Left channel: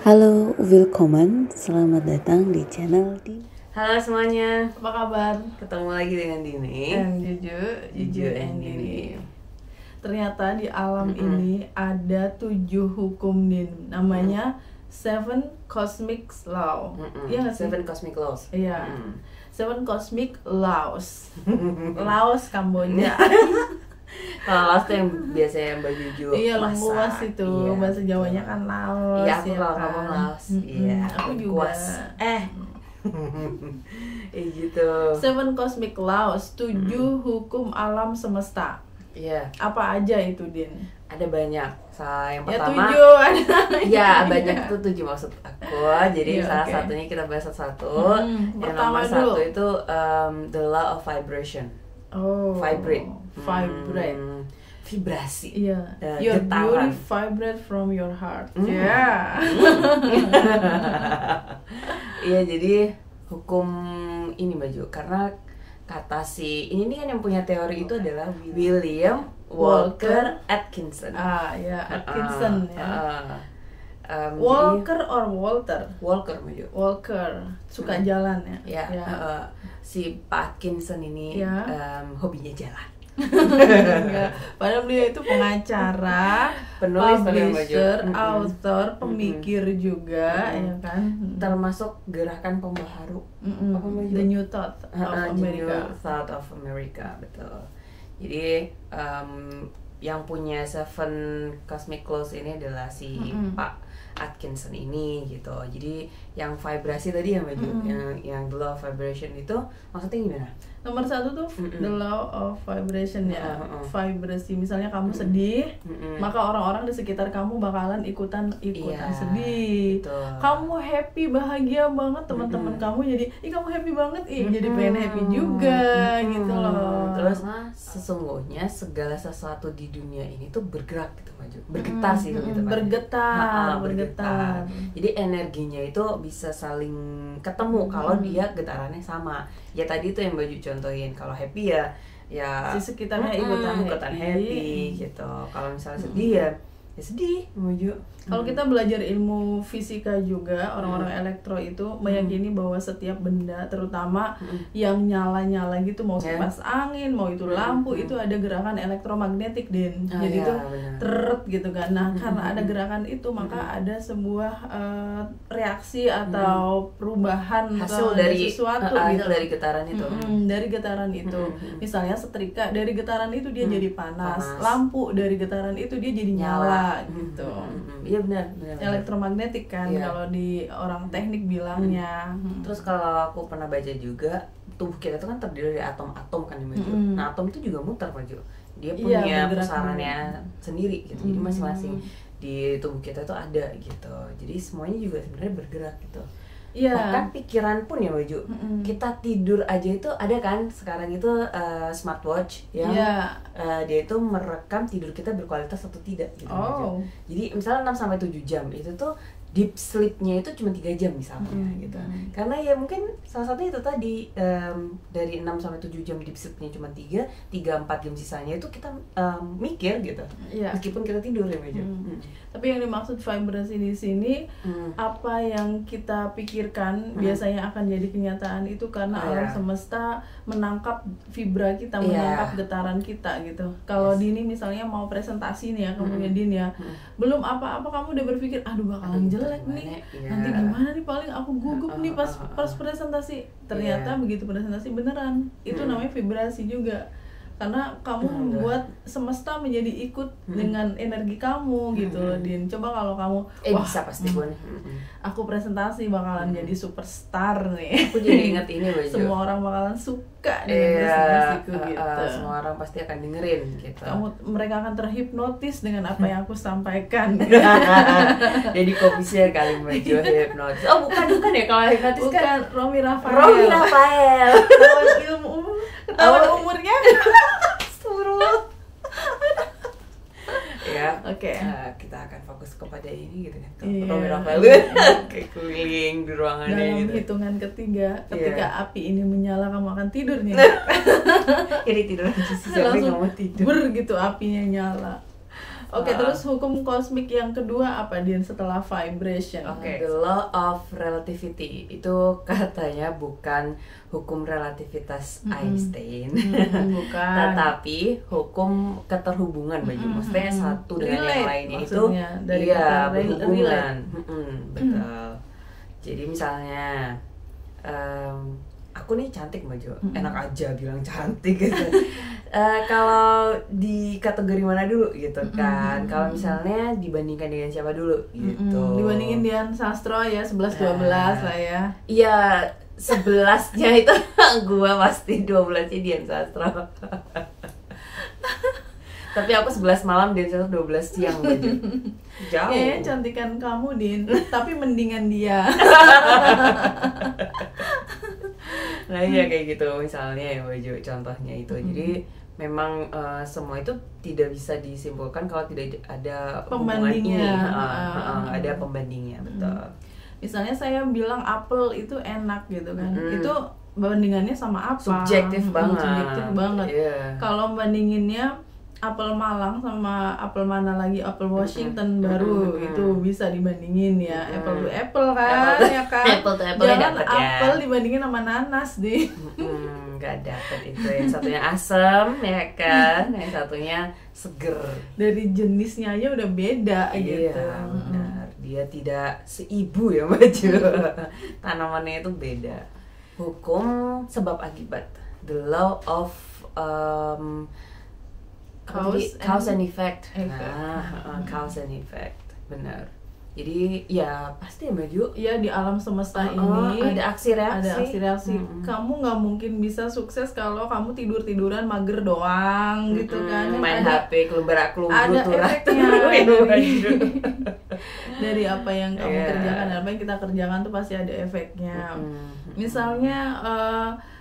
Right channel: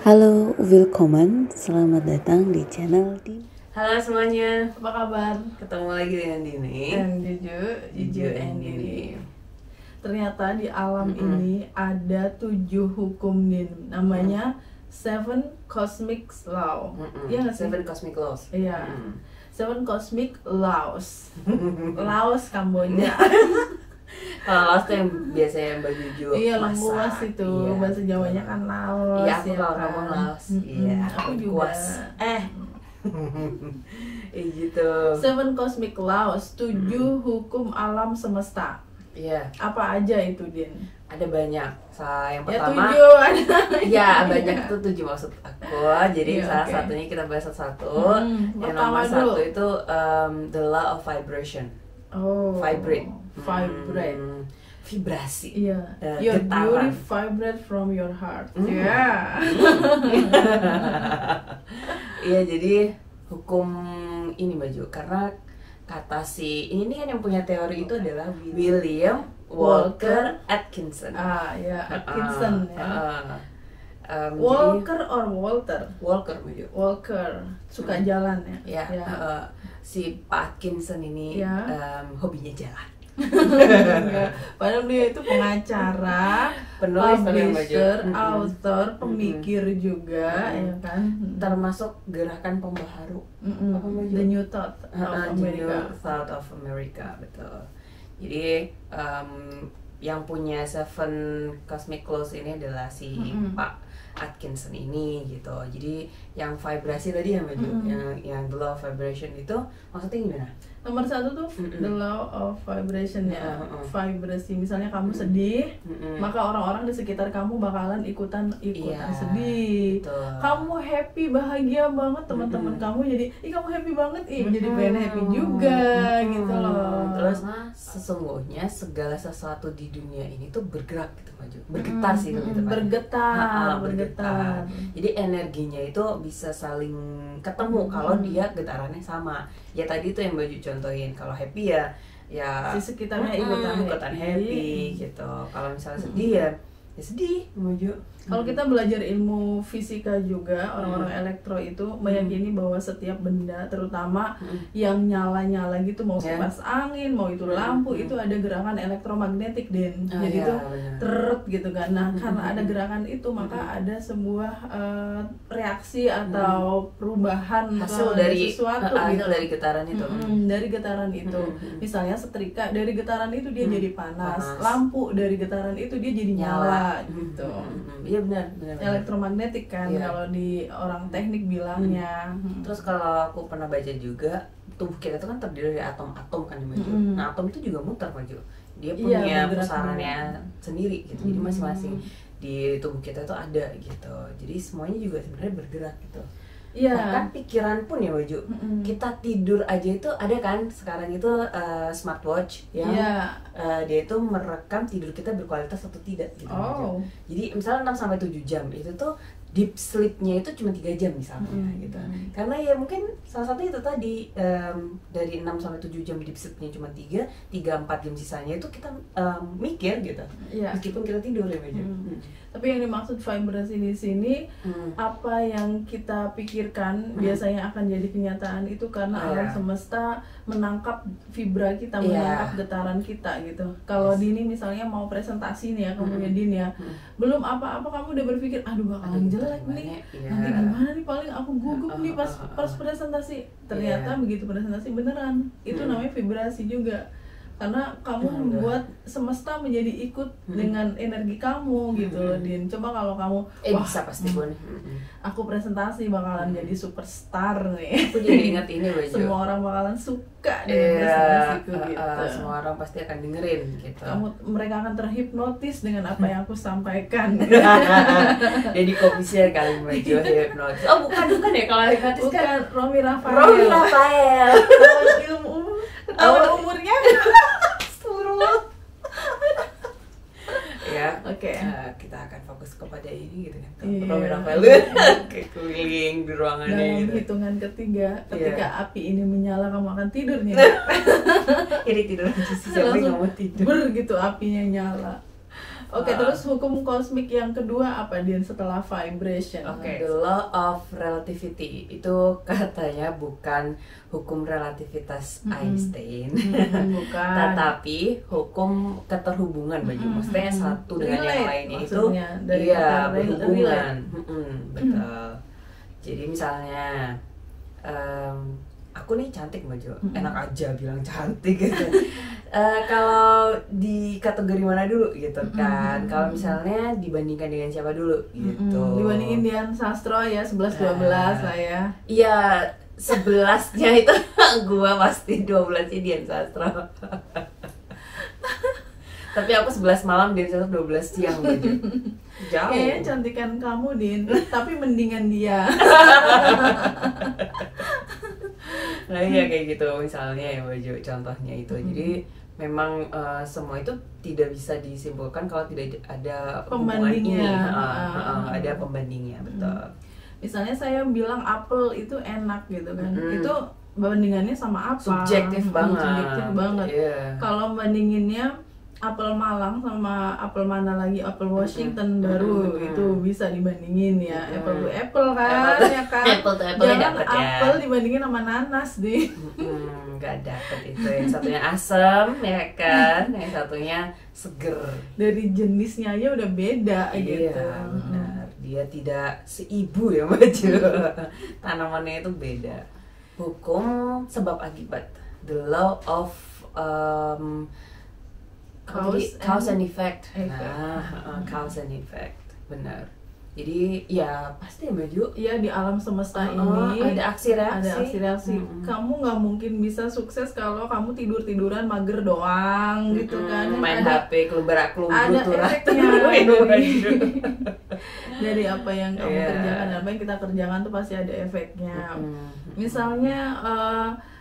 Halo, willkommen, selamat datang di channel di. Halo semuanya, Apa kabar? ketemu lagi dengan Dini. Juju and Dini. Ternyata di alam ini ada 7 hukum Din. Namanya Seven Cosmic Law. Iya nggak sih? Seven Cosmic Laws. Iya. Seven Cosmic Laws. Laos Kamboja. Kalau Laos tuh yang biasanya baju jual Iya, masak. lengkuas itu. Iya, Bahasa Jawanya betul. kan Laos. Iya, aku ya kalau kan? ngomong Laos. Iya, Aku juga. lengkuas. Gitu. Seven Cosmic Laws, 7 hukum alam semesta. Iya, Apa aja itu, Din? ada banyak. Yang Ya pertama, 7 ada. ya banyak itu 7 maksud aku. Jadi Iya, salah oke. satunya kita bahas satu-satu. Yang pertama nomor dulu. 1 itu the law of vibration. Oh, Vibrate. Vibrate. Vibrasi. Iya. Eh, Your getaran. beauty vibrate from your heart. Hmm. Ya. Iya, jadi hukum ini baju karena kata si ini nih kan yang punya teori itu adalah William Walker Atkinson. Ya, Atkinson ya. Jadi Walker or Walter? Walker baju. Walker suka jalan ya. Ya, si Pak Atkinson ini Ya. hobinya jalan. Ya. Padahal dia itu pengacara, Penulis tapi yang publisher, baju. author, pemikir juga, ya kan. Termasuk gerakan pembaharu. Apa baju? The New Thought of The America. New Thought of America, betul. Jadi yang punya Seven Cosmic Laws ini adalah si Pak Atkinson ini gitu. Jadi yang vibrasi tadi yang baju, yang the law of vibration itu maksudnya gimana? Nomor 1 tuh the law of vibration ya. Vibrasi. Misalnya kamu sedih, maka orang-orang di sekitar kamu bakalan ikutan Iya, sedih. betul. Kamu happy, bahagia banget, teman-teman kamu jadi, ih kamu happy banget, jadi pengen happy juga gitu loh. Terus sesungguhnya segala sesuatu di dunia ini tuh bergerak gitu maju, bergetar sih gitu kan. Bergetar. Jadi energinya itu bisa saling ketemu kalau dia getarannya sama. Ya tadi tuh yang baju contohin, kalau happy ya Si sekitarnya ikutan happy gitu. Kalau misalnya sedih ya sedih maju. Kalau kita belajar ilmu fisika juga, orang-orang elektro itu meyakini bahwa setiap benda, terutama yang nyala-nyala gitu, mau kipas angin, mau itu lampu, itu ada gerakan elektromagnetik, Den. Jadi iya, itu benar. teret gitu kan. Nah, karena ada gerakan itu, maka ada sebuah reaksi atau perubahan Hasil atau dari sesuatu hasil gitu. dari getaran itu. Dari getaran itu, misalnya setrika dari getaran itu dia jadi panas, lampu dari getaran itu dia jadi nyala gitu. Iya benar. Elektromagnetik kan, Iya. kalau di orang teknik bilangnya. Terus kalau aku pernah baca juga, tubuh kita itu kan terdiri dari atom-atom kan maju. Nah, atom itu juga muter maju. Dia punya bergerak pusarannya sendiri gitu. Jadi masing-masing di tubuh kita itu ada gitu. Jadi semuanya juga sebenarnya bergerak gitu. Iya. Bahkan pikiran pun ya baju. Kita tidur aja itu ada kan sekarang itu smartwatch yang dia itu merekam tidur kita berkualitas atau tidak gitu. Oh. Jadi misalnya 6 sampai 7 jam itu tuh deep sleep-nya itu cuma 3 jam misalnya gitu. Karena ya mungkin salah satunya itu tadi dari 6 sampai 7 jam deep sleep-nya cuma 3-4 jam sisanya itu kita mikir gitu. Iya. Meskipun kita tidur ya baju. Tapi yang dimaksud vibrasi di sini, apa yang kita pikirkan biasanya akan jadi kenyataan itu karena alam semesta menangkap vibra kita, menangkap getaran kita gitu. Kalau Dini misalnya mau presentasi nih ya, kemudian Din ya, belum apa-apa kamu udah berpikir, aduh bakalan jelek nih, nanti gimana nih, paling aku gugup nih pas presentasi. Ternyata begitu presentasi beneran, itu namanya vibrasi juga. Karena kamu membuat semesta menjadi ikut dengan energi kamu gitu loh, Din. Coba kalau kamu Bisa pasti pun. aku presentasi bakalan jadi superstar nih. Aku jadi ingat ini baju. Semua orang bakalan suka dengan presentasiku gitu. Semua orang pasti akan dengerin gitu. Mereka akan terhipnotis dengan apa yang aku sampaikan. Jadi komisier kali baju hipnotis. Oh bukan ya, kalau hipnotis kan Bukan Romi Rafael. Romi Rafael. Ketahuan ilmu ketahuan umurnya. Ya, Oke. kita akan fokus kepada ini gitu kan. Iya. Romi Rafael kayak keliling di ruangannya Dalam gitu. hitungan ketiga, ketika api ini menyala, kamu akan tidur nih. Ini tidur aja sih, siapa yang nggak mau tidur. Ber gitu apinya nyala. Oke, terus hukum kosmik yang kedua apa Din setelah vibration? Oke, the law of relativity itu katanya bukan hukum relativitas Einstein, bukan. tetapi hukum keterhubungan baju. Maksudnya satu dengan yang lainnya itu iya berhubungan. Betul. Jadi misalnya aku nih cantik baju, enak aja bilang cantik gitu. Kalau di kategori mana dulu gitu kan? Kalau misalnya dibandingkan dengan siapa dulu gitu? Dibandingin Dian Sastro ya 11-12 lah ya. Iya, 11-nya itu gua pasti 12-nya Dian Sastro. Tapi aku 11 malam, Dian Sastro 12 siang baju. Jauh. Kayaknya cantikan kamu Din, tapi mendingan dia. Nah iya kayak gitu misalnya ya baju contohnya itu. Jadi memang semua itu tidak bisa disimpulkan kalau tidak ada pembandingnya. Ada pembandingnya, betul. Misalnya saya bilang apel itu enak gitu kan, itu bandingannya sama apa? Subjektif banget. Subjektif banget. Yeah. Kalau bandinginnya apel Malang sama apel mana lagi, apel Washington baru itu bisa dibandingin ya. Apple to apple kan, ya kan. Apple to apple. Jangan apel dibandingin sama nanas deh. Nggak dapet itu. Yang satunya asam ya kan, yang satunya seger. Dari jenisnya aja udah beda gitu. Iya benar. Dia tidak seibu ya baju. Tanamannya itu beda. Hukum sebab akibat. The law of cause and effect. Cause and effect, benar. Jadi ya pasti baju. Ya di alam semesta ini ada aksi-reaksi. Ada aksi-reaksi. Kamu nggak mungkin bisa sukses kalau kamu tiduran mager doang gitu kan. Main HP kelumbar-kelumbar. Ada efeknya dari apa yang kamu kerjakan, apa yang kita kerjakan tuh pasti ada efeknya. Misalnya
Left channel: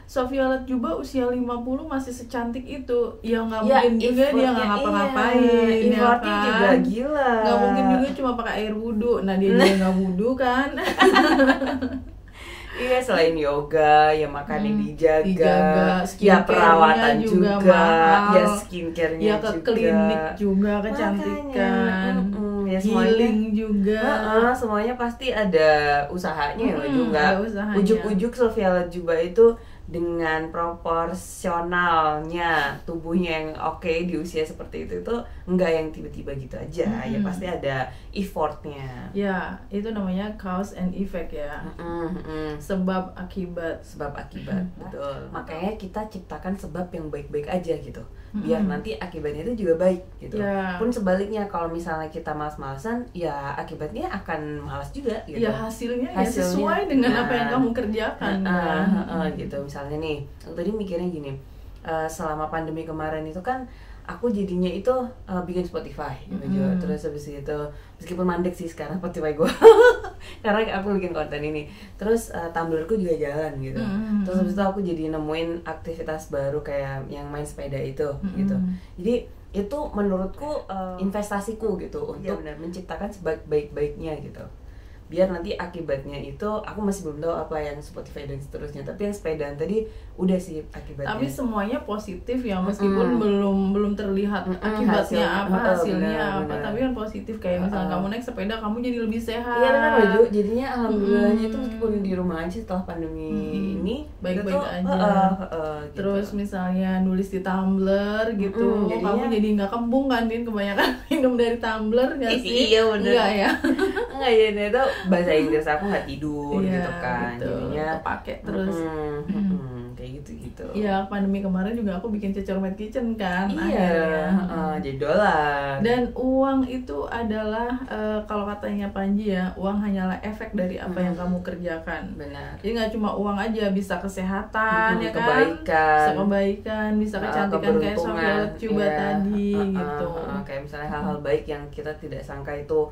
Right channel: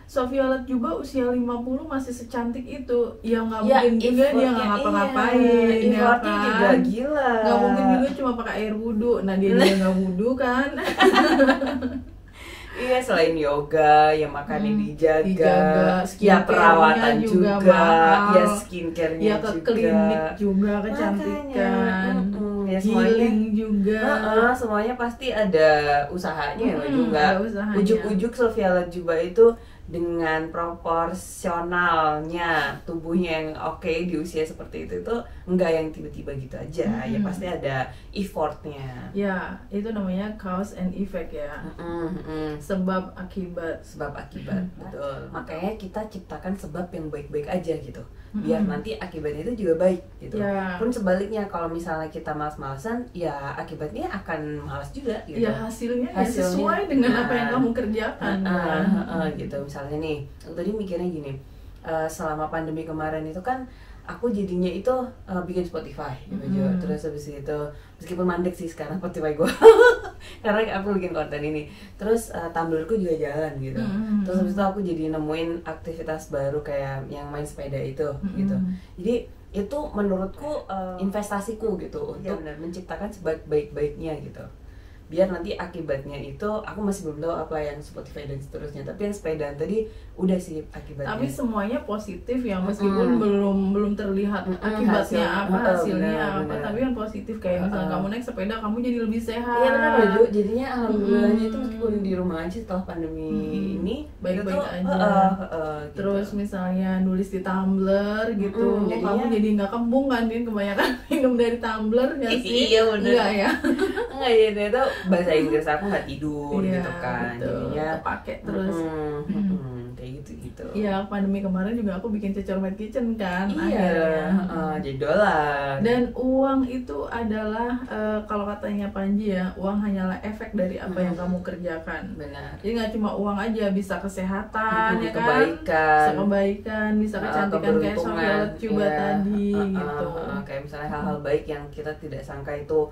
Sophia Latjuba usia 50 masih secantik itu, ya nggak mungkin juga dia nggak ngapa-ngapain, effortnya juga gila. Nggak mungkin juga cuma pakai air wudhu, nah dia nggak wudhu kan? Iya, selain yoga, ya makannya dijaga, ya perawatan juga ya skincare-nya ya ke klinik juga kecantikan, ya healing juga, semuanya pasti ada usahanya ya juga. Ujuk-ujuk Sophia Latjuba itu dengan proporsionalnya tubuhnya yang oke di usia seperti itu enggak yang tiba-tiba gitu aja. Ya pasti ada effortnya. Ya itu namanya cause and effect ya. Sebab akibat. Betul. Makanya kita ciptakan sebab yang baik-baik aja gitu, biar nanti akibatnya itu juga baik gitu. Pun sebaliknya kalau misalnya kita malas-malasan, ya akibatnya akan malas juga gitu. Ya hasilnya ya sesuai dengan apa yang kamu kerjakan. Gitu. Misalnya nih, tadi mikirnya gini, selama pandemi kemarin itu kan aku jadinya itu bikin Spotify gitu. Terus habis itu meskipun mandek sih sekarang Spotify gue karena aku bikin konten ini. Terus Tumblrku juga jalan gitu. Terus habis itu aku jadi nemuin aktivitas baru kayak yang main sepeda itu gitu. Jadi itu menurutku investasiku gitu untuk benar menciptakan sebaik-baiknya gitu. Biar nanti akibatnya itu aku masih belum tahu apa yang Spotify dan seterusnya, tapi yang sepedaan tadi udah sih akibatnya. Tapi semuanya positif ya, meskipun belum terlihat akibatnya hasilnya apa, tapi kan positif kayak misalnya kamu naik sepeda kamu jadi lebih sehat. Iya benar baju, jadinya alhamdulillahnya itu meskipun di rumah aja setelah pandemi ini baik-baik aja. Gitu. Terus misalnya nulis di Tumblr gitu, kamu jadi nggak kembung kan, Din, kebanyakan minum dari Tumblr nggak sih? Iya benar. Enggak ya? Enggak ya, itu bahasa Inggris aku nggak tidur gitu kan, jadinya pakai terus kayak gitu. Iya, pandemi kemarin juga aku bikin Cecor Mad Kitchen kan. Iya, jadi dolar. Dan uang itu adalah kalau katanya Panji ya, uang hanyalah efek dari apa yang kamu kerjakan. Benar. Jadi nggak cuma uang aja, bisa kesehatan, ya kan? Kebaikan, bisa kecantikan kayak Sophia Latjuba tadi gitu. Kayak misalnya hal-hal baik yang kita tidak sangka itu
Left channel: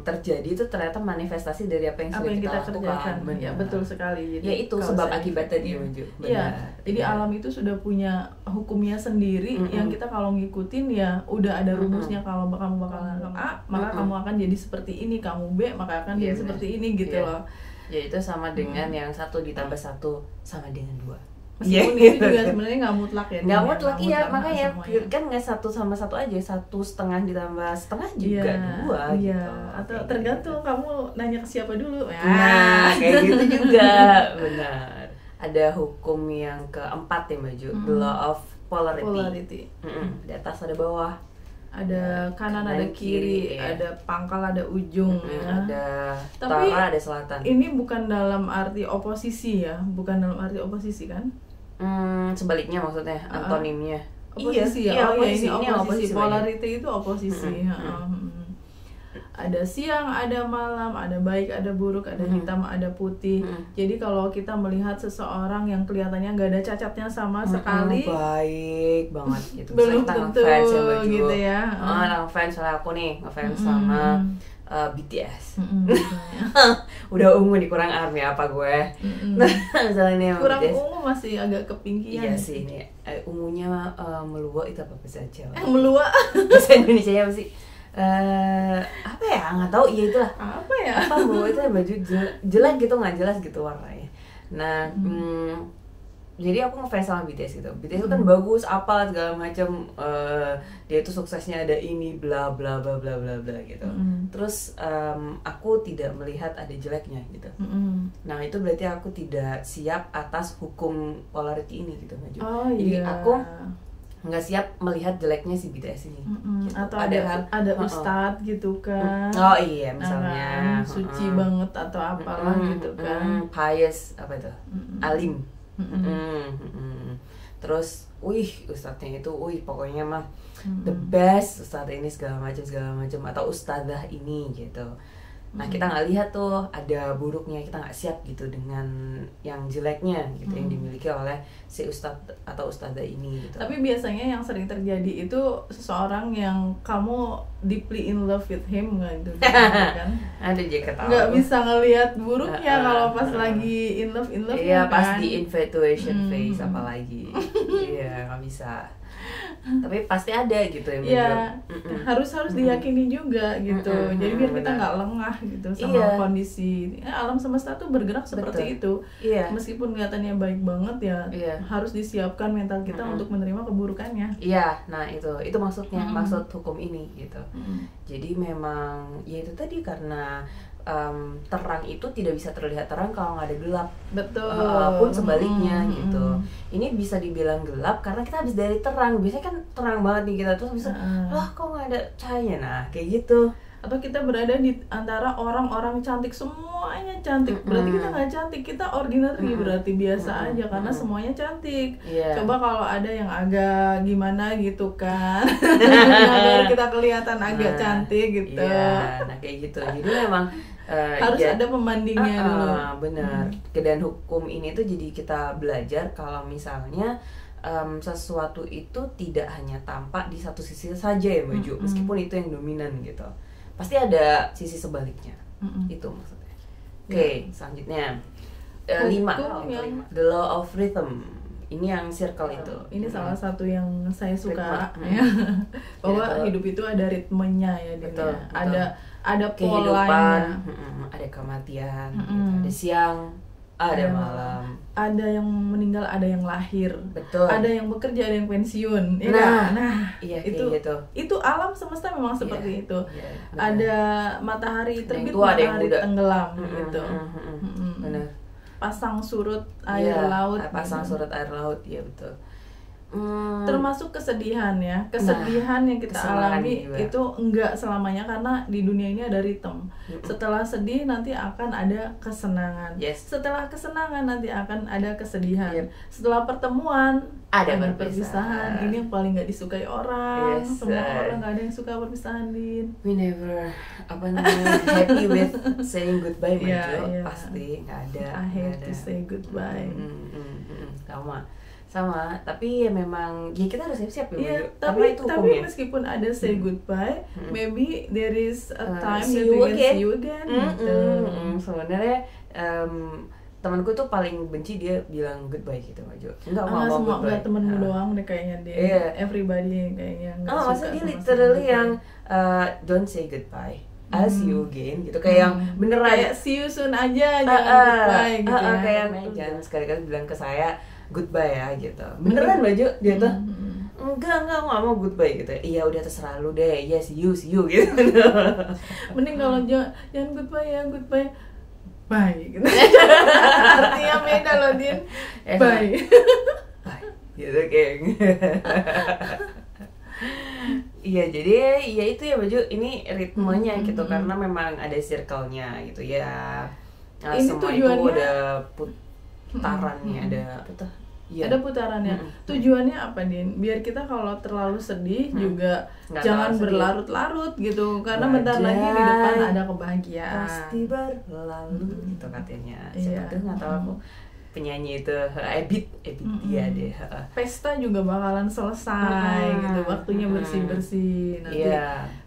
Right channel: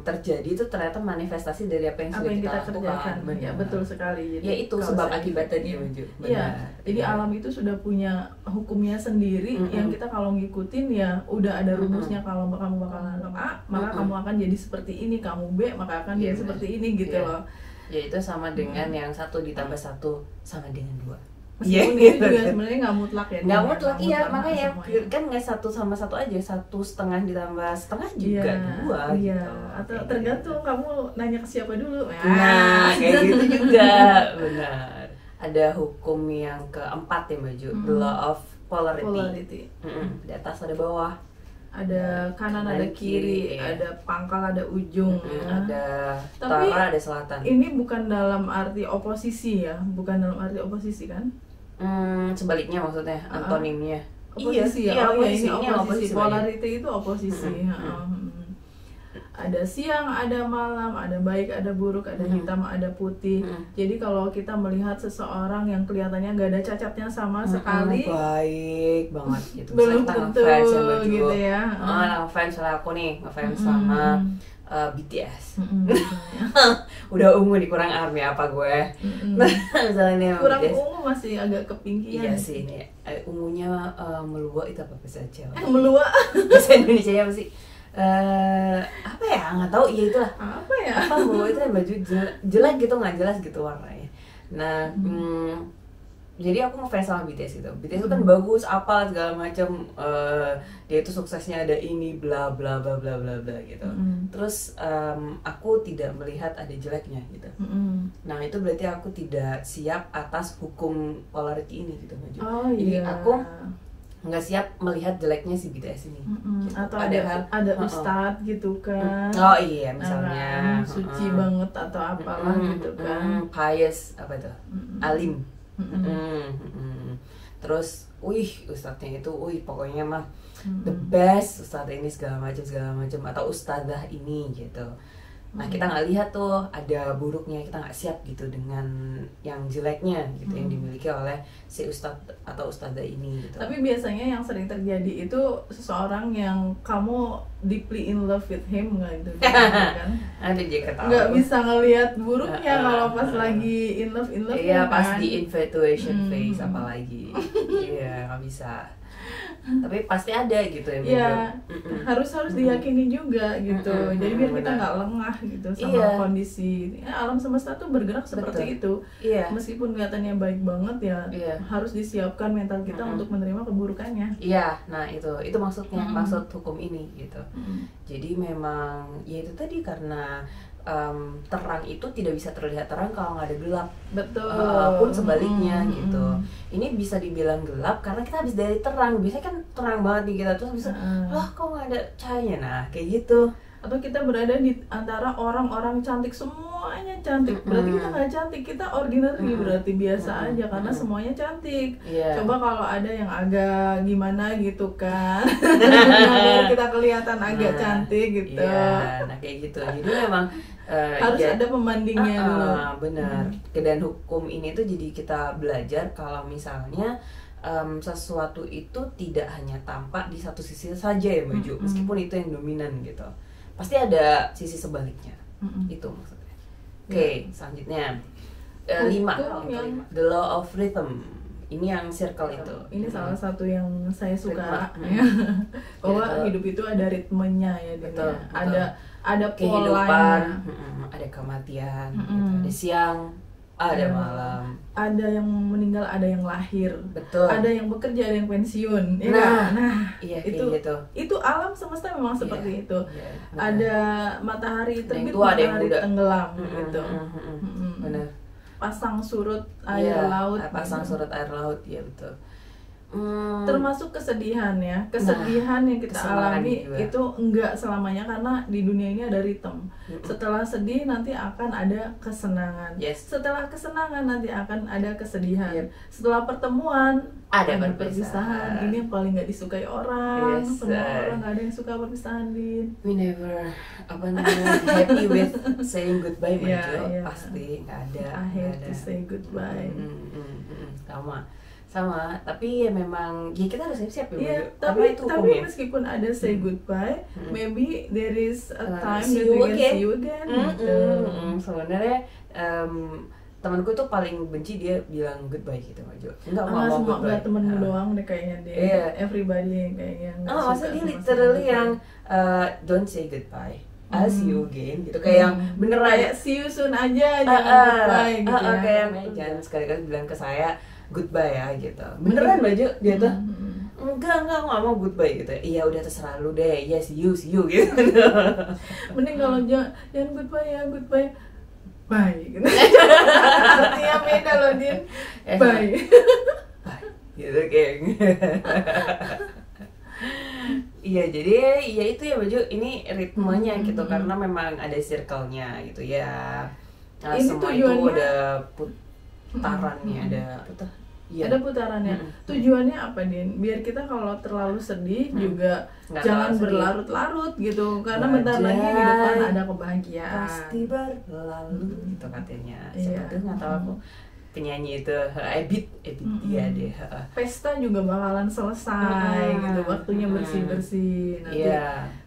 terjadi, itu ternyata manifestasi dari apa yang sudah kita kerjakan. Ya betul sekali. Jadi, ya itu sebab akibat tadi Maju. Iya. Jadi alam itu sudah punya hukumnya sendiri yang kita kalau ngikutin ya udah ada rumusnya. Kalau kamu bakalan A, maka kamu akan jadi seperti ini. Kamu B, maka akan jadi seperti ini gitu loh. Ya itu sama dengan yang 1 ditambah 1 sama dengan 2. Meskipun itu juga sebenarnya nggak mutlak ya. Nggak mutlak, iya, makanya semuanya. kan nggak 1 sama 1 aja, 1,5 ditambah setengah juga 2 iya. gitu. Atau Kayak tergantung gitu. kamu nanya ke siapa dulu. Nah, kayak gitu juga, benar. Ada hukum yang keempat ya Mbak Ju, the law of polarity. Di atas ada bawah. Ada kanan, ada kiri, iya. ada pangkal, ada ujung, ya. Ada Tapi utara, ada selatan. Ini bukan dalam arti oposisi ya, bukan dalam arti oposisi kan? Sebaliknya maksudnya, antonimnya. Oposisi iya, ya, oposisi, ini oposisi. Mbak Ju. Polarity itu oposisi. Ada siang, ada malam, ada baik, ada buruk, ada hitam, ada putih. Jadi kalau kita melihat seseorang yang kelihatannya nggak ada cacatnya sama sekali, baik banget gitu. belum Kita tentu ngefans ya Mbak Ju. gitu ya. Ngefans, soalnya aku nih ngefans sama BTS. Udah ungu nih, kurang army apa gue. Misalnya nih sama Kurang BTS. ungu masih agak kepingkian. Iya sih, ini ungunya meluak itu apa bahasa Jawa? Meluak. Bahasa Indonesia apa sih? Apa ya, nggak tahu, ya itulah Apa ya? apa baju itu baju jelek gitu, nggak jelas gitu warnanya. Nah jadi aku ngefans sama BTS gitu. BTS itu kan bagus, apalah segala macam, dia itu suksesnya ada ini bla bla bla bla bla bla gitu. Terus aku tidak melihat ada jeleknya gitu. Nah itu berarti aku tidak siap atas hukum polarity ini gitu Mbak Ju. Jadi aku nggak siap melihat jeleknya si BTS ini. Gitu. Atau ada ustadz gitu kan. Oh iya, misalnya suci banget atau apalah gitu kan. Pious apa itu? Alim. Terus ustadznya itu pokoknya mah the best, ustadz ini segala macam atau ustadzah ini gitu. Nah kita nggak lihat tuh ada buruknya, kita nggak siap gitu dengan yang jeleknya gitu yang dimiliki oleh si ustadz atau ustadzah ini gitu. Tapi biasanya yang sering terjadi itu seseorang yang kamu deeply in love with him nggak gitu kan? Ada dia ketawa. Nggak bisa ngelihat buruknya kalau pas lagi in love iya, kan? pas di infatuation phase apalagi. Iya, nggak bisa. Tapi pasti ada gitu ya, harus diyakini juga gitu. Jadi biar kita nggak lengah gitu sama kondisi alam semesta tuh bergerak seperti itu. Meskipun kelihatannya baik banget ya, harus disiapkan mental kita untuk menerima keburukannya. Iya, nah itu maksudnya, maksud hukum ini gitu. Jadi memang ya itu tadi, karena terang itu tidak bisa terlihat terang kalau nggak ada gelap. Betul. Pun sebaliknya gitu. Ini bisa dibilang gelap karena kita habis dari terang. Biasanya kan terang banget nih kita, terus bisa kok nggak ada cahaya. Nah kayak gitu. Atau kita berada di antara orang-orang cantik, semuanya cantik, berarti kita nggak cantik, kita ordinary, berarti biasa aja karena semuanya cantik. Coba kalau ada yang agak gimana gitu kan, biar kita kelihatan agak cantik gitu. Nah kayak gitu. Jadi memang harus ada pembandingnya dulu. Benar. Dan hukum ini tuh jadi kita belajar kalau misalnya sesuatu itu tidak hanya tampak di satu sisi saja ya Mbak Ju, meskipun itu yang dominan gitu. Pasti ada sisi sebaliknya. Itu maksudnya. Oke, selanjutnya 5, the law of rhythm. Ini yang circle itu. Ini salah satu yang saya suka. Bahwa hidup itu ada ritmenya ya. Betul. Ada kehidupan, ada kematian, gitu. Ada siang, ada malam, ada yang meninggal, ada yang lahir, betul. Ada yang bekerja, ada yang pensiun. Iya, itu alam semesta memang seperti itu. Ada matahari terbit, tua, matahari tenggelam, gitu. Benar. Pasang surut air laut. Pasang surut air laut, ya betul. Termasuk kesedihan ya, kesedihan yang kita alami juga. Itu enggak selamanya, karena di dunia ini ada ritme. Setelah sedih nanti akan ada kesenangan. Setelah kesenangan nanti akan ada kesedihan. Setelah pertemuan ada perpisahan. Ini yang paling nggak disukai orang. Semua orang nggak ada yang suka perpisahan, Din. We never happy with saying goodbye, pasti nggak ada. I hate to say goodbye. Sama, tapi ya memang ya kita harus siap-siap ya, tapi meskipun ada say goodbye, maybe there is a time that we can see you again. Sebenarnya temanku tuh paling benci dia bilang goodbye gitu Mbak Jo. Enggak temenmu doang deh kayaknya dia. Everybody kayaknya nggak suka. Maksudnya dia literally yang don't say goodbye, I'll see you again gitu, kayak yang beneran kayak see you soon aja, jangan goodbye gitu ya. Kayak jangan sekali-kali bilang ke saya goodbye ya gitu. Beneran baju dia tuh enggak aku nggak mau goodbye gitu. Iya udah terserah lu deh, ya see you gitu. Mending kalau jangan goodbye ya, goodbye bye gitu. Artinya beda loh Din. Bye. Bye gitu geng. Iya jadi ya itu ya baju ini ritmenya gitu karena memang ada circle-nya gitu ya. Nah, ini semua tujuannya itu ada putarannya, ada apa tuh? Ya. Ada putarannya. Tujuannya apa Din? Biar kita kalau terlalu sedih juga nggak jangan sedih. berlarut-larut gitu. Karena bentar lagi di depan ada kebahagiaan. Pasti berlalu itu katanya. Iya. Siapa tuh nggak tahu aku penyanyi itu Ebit dia deh. Pesta juga bakalan selesai gitu. Waktunya bersih-bersih. Nanti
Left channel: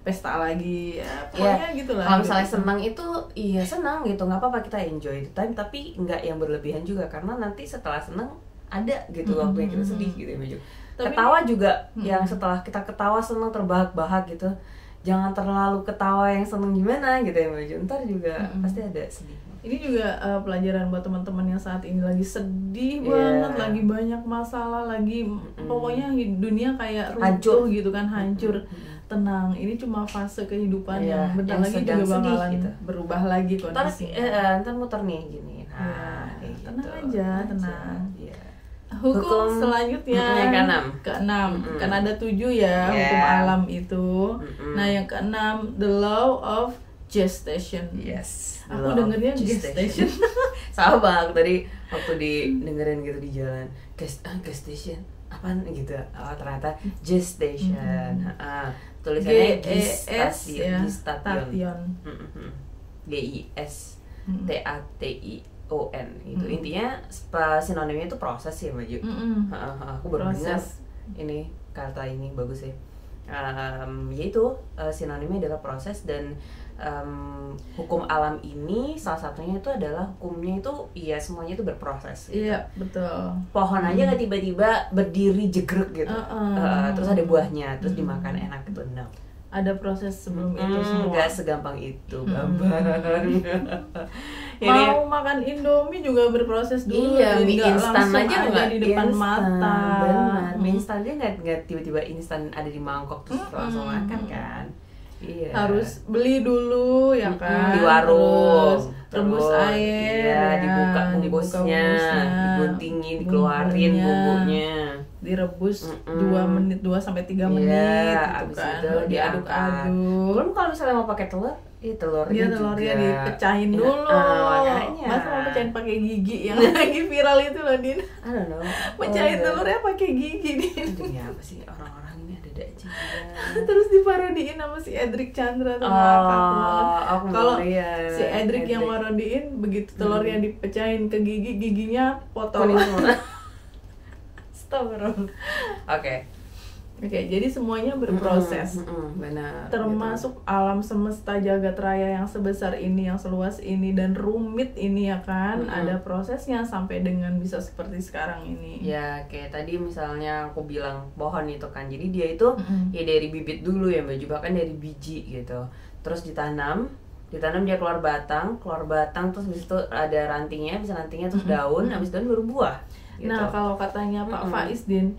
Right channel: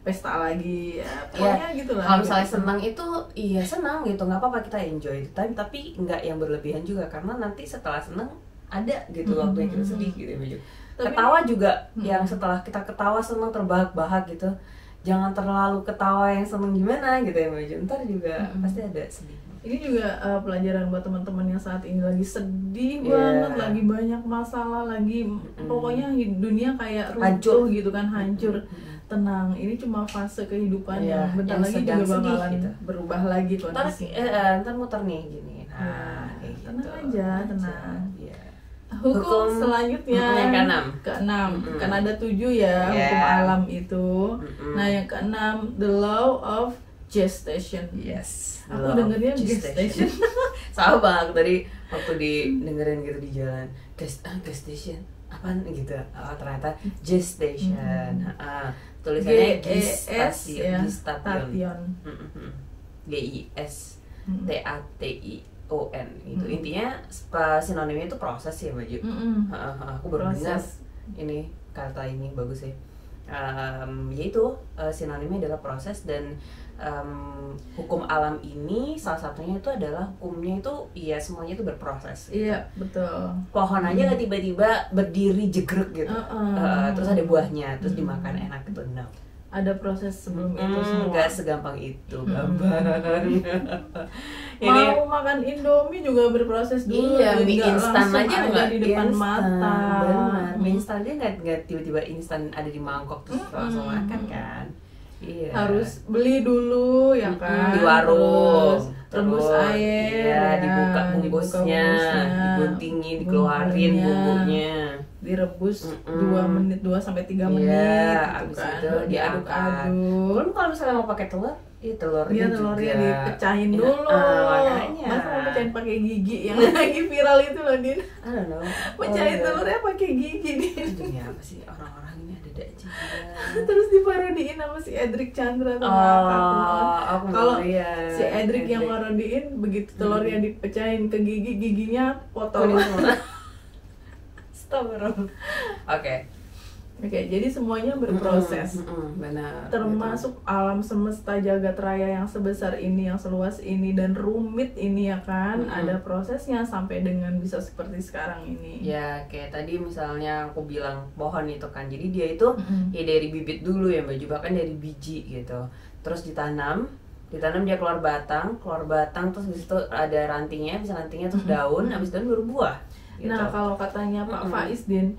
pesta lagi. Ya, pokoknya gitu lah. Kalau misalnya senang itu iya senang gitu, nggak apa-apa kita enjoy the time, tapi nggak yang berlebihan juga karena nanti setelah senang ada gitu waktu yang kita sedih gitu ya. Ketawa juga yang setelah kita ketawa senang terbahak-bahak gitu, jangan terlalu ketawa yang senang gimana gitu ya Baju. Ntar juga pasti ada sedih. Ini juga pelajaran buat teman-teman yang saat ini lagi sedih banget, lagi banyak masalah, lagi pokoknya dunia kayak runtuh gitu kan, hancur. Tenang, ini cuma fase kehidupan yang bentar lagi juga bakalan gitu. Berubah lagi kondisi. Ntar muter nih gini. Nah, tenang gitu. aja, tenang. Hukum selanjutnya yang keenam kan ada 7 ya hukum alam itu. Nah yang keenam the law of gestation. Yes. Aku dengernya gestation. Sama banget tadi waktu dengerin gitu di jalan. Gestation apaan gitu. Oh ternyata gestation. Tulisannya gestation. GISTATION gitu. Intinya sinonimnya itu proses ya Baju. Aku baru dengar ini kata ini bagus ya. Yaitu sinonimnya adalah proses dan hukum alam ini salah satunya itu adalah hukumnya itu ya semuanya itu berproses gitu. Iya betul. Pohon aja nggak tiba-tiba berdiri jegrek gitu. Terus ada buahnya terus dimakan enak gitu. No. Ada proses sebelum itu semua. Nggak segampang itu gambar. Mau makan Indomie juga berproses dulu. Iya, mie instan aja nggak di depan mata. Benar, mie instan dia nggak tiba-tiba instan ada di mangkok terus langsung makan kan. Iya. Harus beli dulu ya kan di warung. Rebus air, iya, dibuka bungkusnya, diguntingin, dikeluarin bumbunya, direbus 2 menit 2 sampai 3 menit iya, gitu abis kan. itu diaduk-aduk. Belum kalau misalnya mau pakai telur, telurnya juga dipecahin dulu. Makanya. Masa mau pecahin pakai gigi yang lagi viral itu loh Din. I don't know. Pecahin telurnya pakai gigi Din. Demi apa sih orang-orang ini ada aja. Terus diparodiin sama si Edric Chandra tuh aku kalau lihat. Si Edric yang parodiin begitu telurnya dipecahin ke giginya potong. Oke, jadi semuanya berproses. Benar. Termasuk alam semesta jagat raya yang sebesar ini, yang seluas ini dan rumit ini ya kan, ada prosesnya sampai dengan bisa seperti sekarang ini. Ya, kayak tadi misalnya aku bilang pohon itu kan. Jadi dia itu ya dari bibit dulu ya, Mbak, juga kan dari biji gitu. Terus ditanam dia keluar batang terus habis itu ada rantingnya, bisa rantingnya terus daun, habis daun baru buah. Gitu. Nah kalau katanya Pak Faiz Din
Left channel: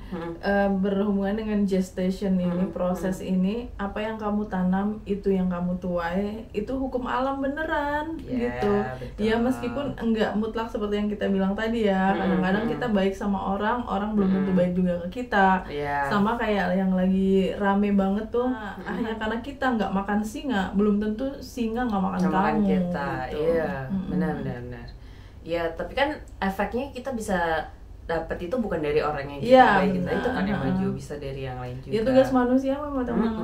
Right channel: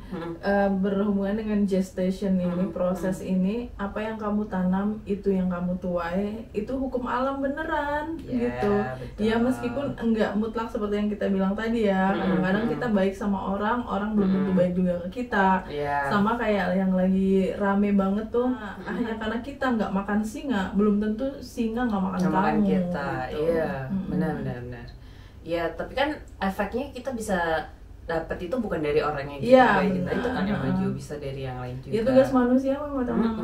berhubungan dengan gestation ini, proses ini, apa yang kamu tanam itu yang kamu tuai, itu hukum alam beneran gitu. Betul. Ya meskipun enggak mutlak seperti yang kita bilang tadi ya, kadang-kadang kita baik sama orang belum tentu baik juga ke kita. Sama kayak yang lagi rame banget tuh, ya karena kita nggak makan singa, belum tentu singa nggak makan kamu. Kita, gitu. iya, benar. Ya tapi kan efeknya kita bisa dapat itu bukan dari orang yang kita baikin itu kan yang maju, bisa dari yang lain juga. Ya tugas manusia mah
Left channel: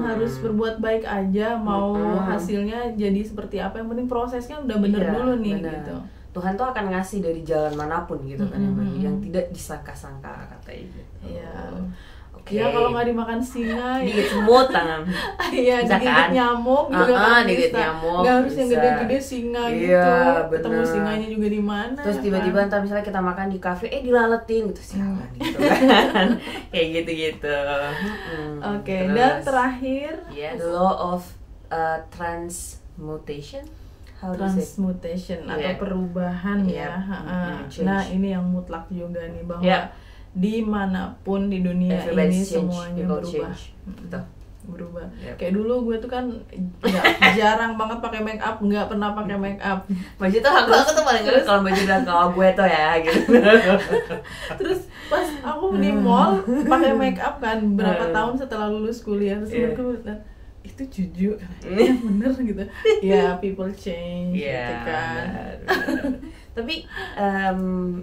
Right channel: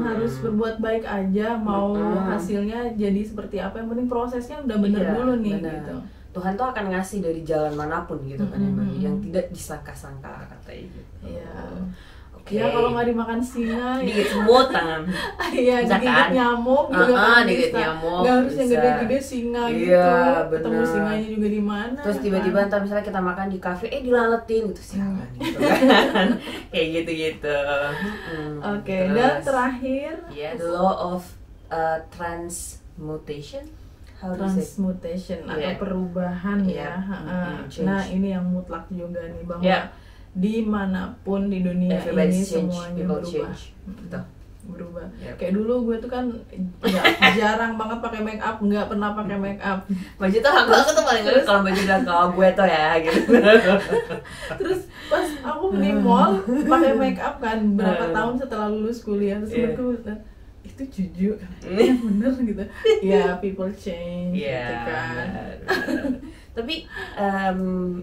harus berbuat baik aja, mau hasilnya jadi seperti apa, yang penting prosesnya udah bener dulu nih gitu. Tuhan tuh akan ngasih dari jalan manapun gitu kan yang tidak disangka-sangka katanya gitu. Iya. Ya kalau nggak dimakan singa digigit semut tangan. Iya, digigit nyamuk juga kan digigit nyamuk. Nggak harus yang gede-gede singa gitu. Ketemu singanya juga di mana. Terus tiba-tiba ntar misalnya kita makan di kafe, dilaletin gitu sialan gitu kan. Kayak gitu-gitu. Oke, dan terakhir the law of transmutation. Transmutation atau perubahan ya. Nah, ini yang mutlak juga nih, bahwa dimanapun di dunia Everybody ini change, semuanya people berubah. change. Betul. Berubah. Yep. Kayak dulu gue tuh kan jarang banget pakai make up, nggak pernah pakai make up. Baju tuh aku tuh paling nggak kalau baju udah kalau gue tuh ya gitu. Terus pas aku di mall pakai make up kan berapa tahun setelah lulus kuliah, terus mereka bilang, itu jujur kan, ya bener gitu. Ya people change gitu kan. Tapi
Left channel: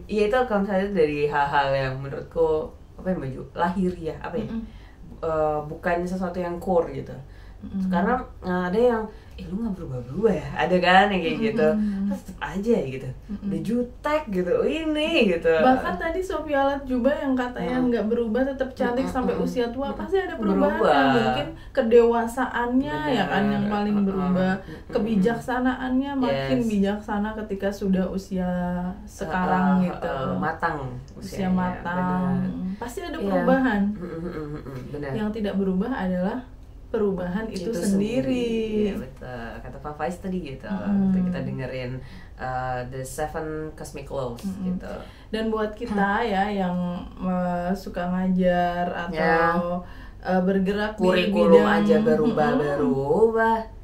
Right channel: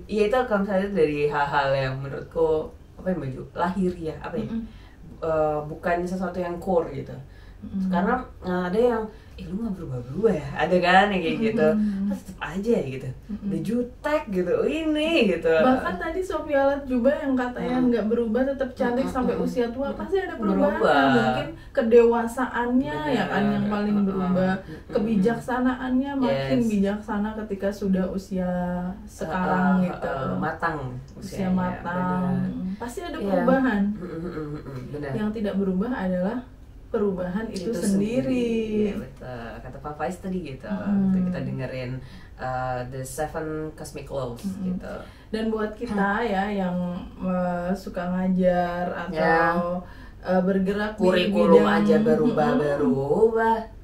ya itu kalau misalnya dari hal-hal yang menurutku apa ya Maju lahiriah apa ya, bukan sesuatu yang core gitu. Karena ada yang lu nggak berubah-berubah ya, ada kan yang kayak gitu, tetap aja gitu, udah jutek gitu, ini gitu. Bahkan tadi Sophia Latjuba yang katanya nggak berubah, tetap cantik sampai usia tua, pasti ada perubahan kan? Mungkin kedewasaannya ya kan yang paling berubah, kebijaksanaannya makin bijaksana ketika sudah usia sekarang gitu, matang, usia matang, pasti ada perubahan. Benar. Yang tidak berubah adalah perubahan itu sendiri. Ya, betul. Kata Pak Faiz tadi gitu. Kita dengerin The Seven Cosmic Laws gitu. Dan buat kita ya yang suka ngajar atau bergerak kurikulum di bidang aja berubah-berubah.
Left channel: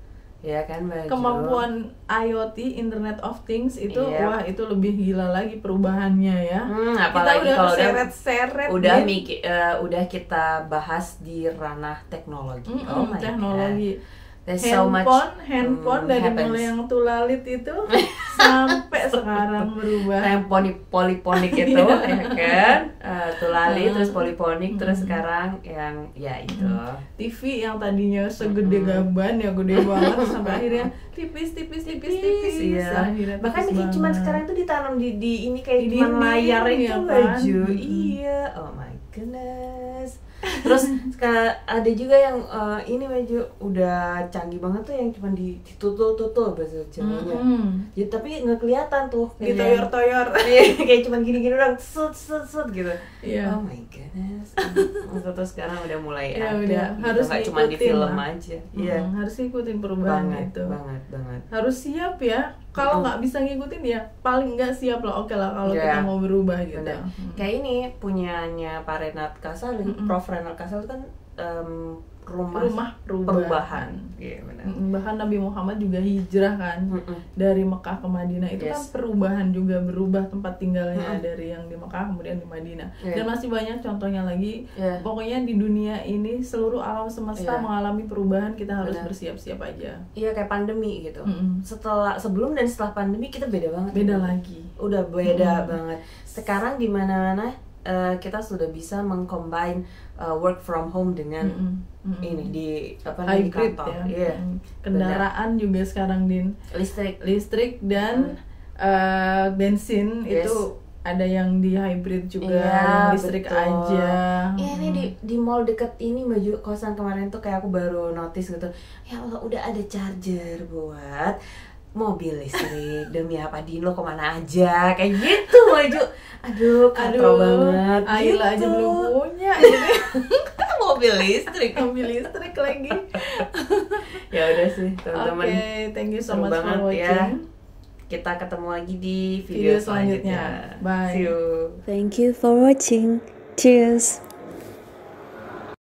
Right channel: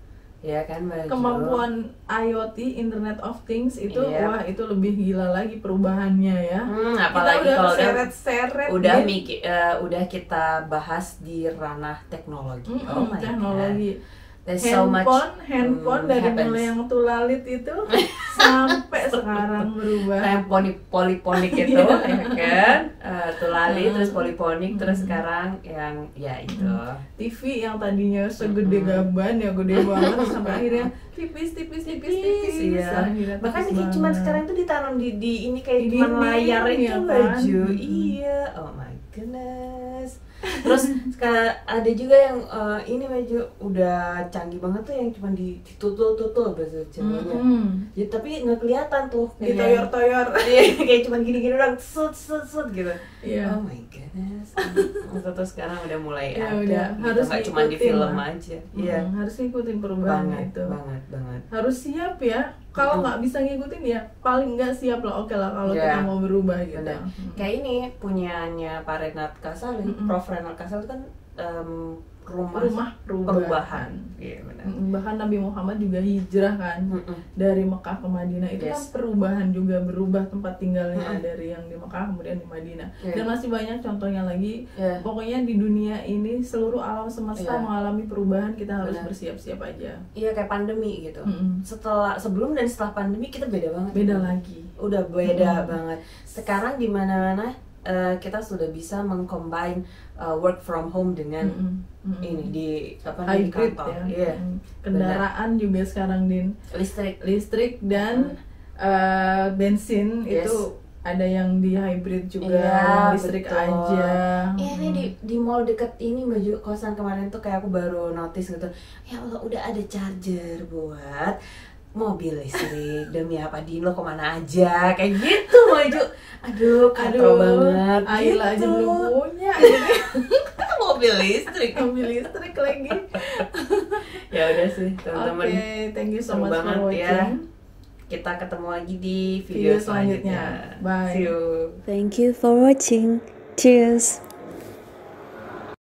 Ya kan Maju. Kemampuan IoT, Internet of Things itu wah itu lebih gila lagi perubahannya ya. Apalagi kita kalau seret-seret udah kita bahas di ranah teknologi. Oh my teknologi. God. There's so much handphone dari mulai yang tulalit itu sampai sekarang berubah. Kayak poliponik itu ya kan, tulalit terus poliponik terus sekarang yang ya itu TV yang tadinya segede gaban ya gede banget sampai akhirnya tipis. Iya. Bahkan cuma sekarang tuh ditanam di ini kayak di cuma layar itu ya Baju. kan? Iya. Oh my goodness. Terus sekarang ada juga yang ini Baju udah canggih banget tuh yang cuma ditutul bahasa Jawanya. Ya, tapi nggak kelihatan tuh ditoyor-toyor. Kayak cuma gini-gini doang sut gitu. Yeah. Oh my goodness. Terus sekarang udah mulai Ya, ada. harus nggak cuma di film aja. Iya. Harus ikutin perubahan itu. Banget. Harus siap ya. Kalau nggak bisa ngikutin ya paling nggak siap lah. Oke lah kalau kita mau berubah gitu. Kayak ini punyanya Pak Renat Kasal, Prof Renat Kasal itu kan rumah perubahan. Iya benar. Bahkan Nabi Muhammad juga hijrah kan dari Mekah ke Madinah itu kan perubahan juga, berubah tempat tinggalnya dari yang di Mekah kemudian di Madinah. Dan masih banyak contohnya lagi. Pokoknya di dunia ini seluruh alam semesta mengalami perubahan, kita harus bersiap-siap aja. Iya kayak pandemi gitu. Sebelum dan setelah pandemi kita beda banget. Beda lagi. Udah beda banget. Sekarang di mana-mana kita sudah bisa mengcombine work from home dengan ini di hybrid kantor. Ya. Kendaraan juga sekarang Din listrik dan bensin itu ada yang di hybrid juga, listrik aja. Iya ini di mall deket ini Baju kosan kemarin tuh kayak aku baru notice gitu. Ya Allah udah ada charger buat mobil listrik. Demi apa Dino kemana aja kayak gitu Baju. Aduh katro banget. Ayla aja belum punya. mobil listrik lagi. Ya udah sih teman-teman. Oke, thank you so much for watching. Ya. Kita ketemu lagi di video selanjutnya. Bye. See you. Thank you for watching. Cheers.